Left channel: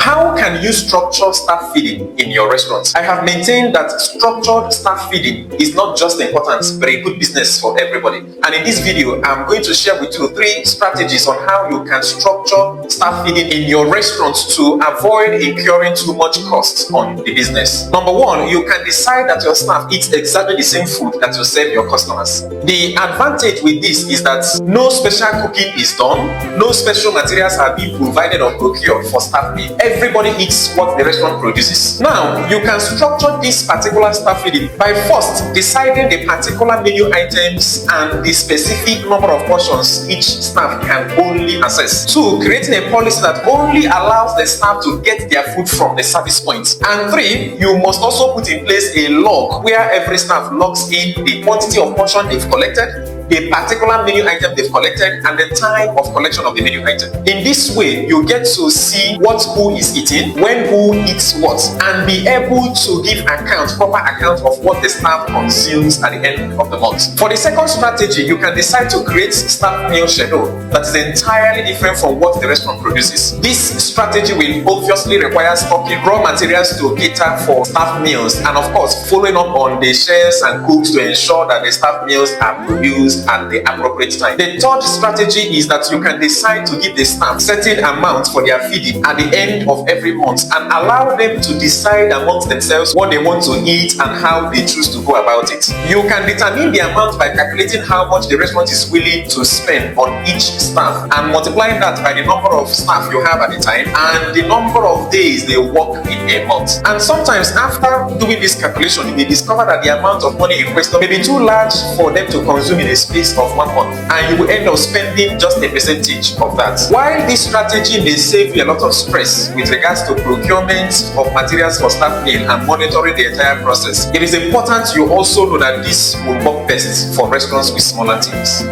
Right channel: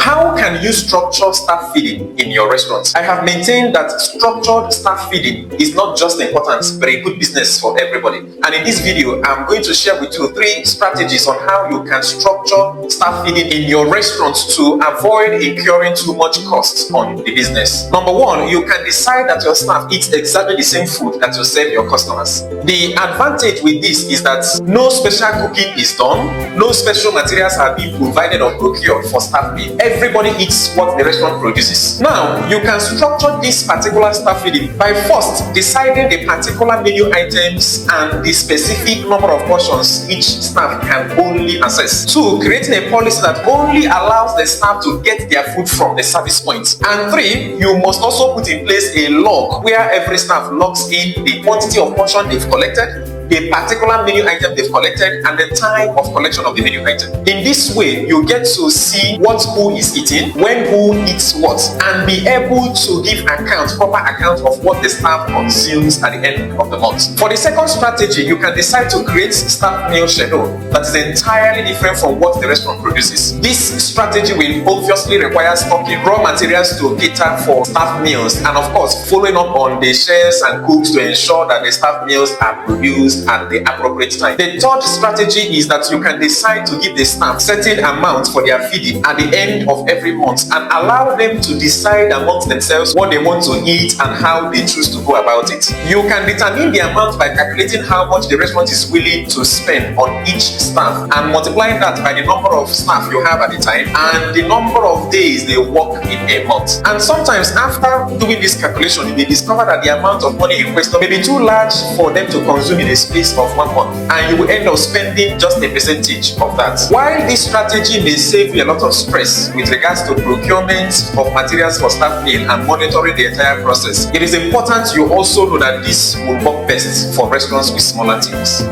How can you structure staff feeding in your restaurant? I have maintained that structured staff feeding is not just important but a good business for everybody. And in this video, I'm going to share with you 3 strategies on how you can structure staff feeding in your restaurant to avoid incurring too much costs on the business. Number 1, you can decide that your staff eats exactly the same food that you serve your customers. The advantage with this is that no special cooking is done, no special materials are being provided or procured for staff meal. Everybody eats what the restaurant produces. Now, you can structure this particular staff feeding by first deciding the particular menu items and the specific number of portions each staff can only access. 2, creating a policy that only allows the staff to get their food from the service point. And 3, you must also put in place a log where every staff logs in the quantity of portion they've collected, the particular menu item they've collected, and the time of collection of the menu item. In this way, you get to see what who is eating, when who eats what, and be able to give proper account of what the staff consumes at the end of the month. For the second strategy, you can decide to create staff meal schedule that is entirely different from what the restaurant produces. This strategy will obviously require stocking raw materials to cater for staff meals, and of course, following up on the chefs and cooks to ensure that the staff meals are produced at the appropriate time. The third strategy is that you can decide to give the staff certain amount for their feeding at the end of every month and allow them to decide amongst themselves what they want to eat and how they choose to go about it. You can determine the amount by calculating how much the restaurant is willing to spend on each staff and multiplying that by the number of staff you have at the time and the number of days they work in a month. And sometimes after doing this calculation, you may discover that the amount of money in question may be too large for them to consume in a space of 1 month, and you will end up spending just a percentage of that. While this strategy may save you a lot of stress with regards to procurement of materials for staff meal and monitoring the entire process, it is important you also know that this will work best for restaurants with smaller teams.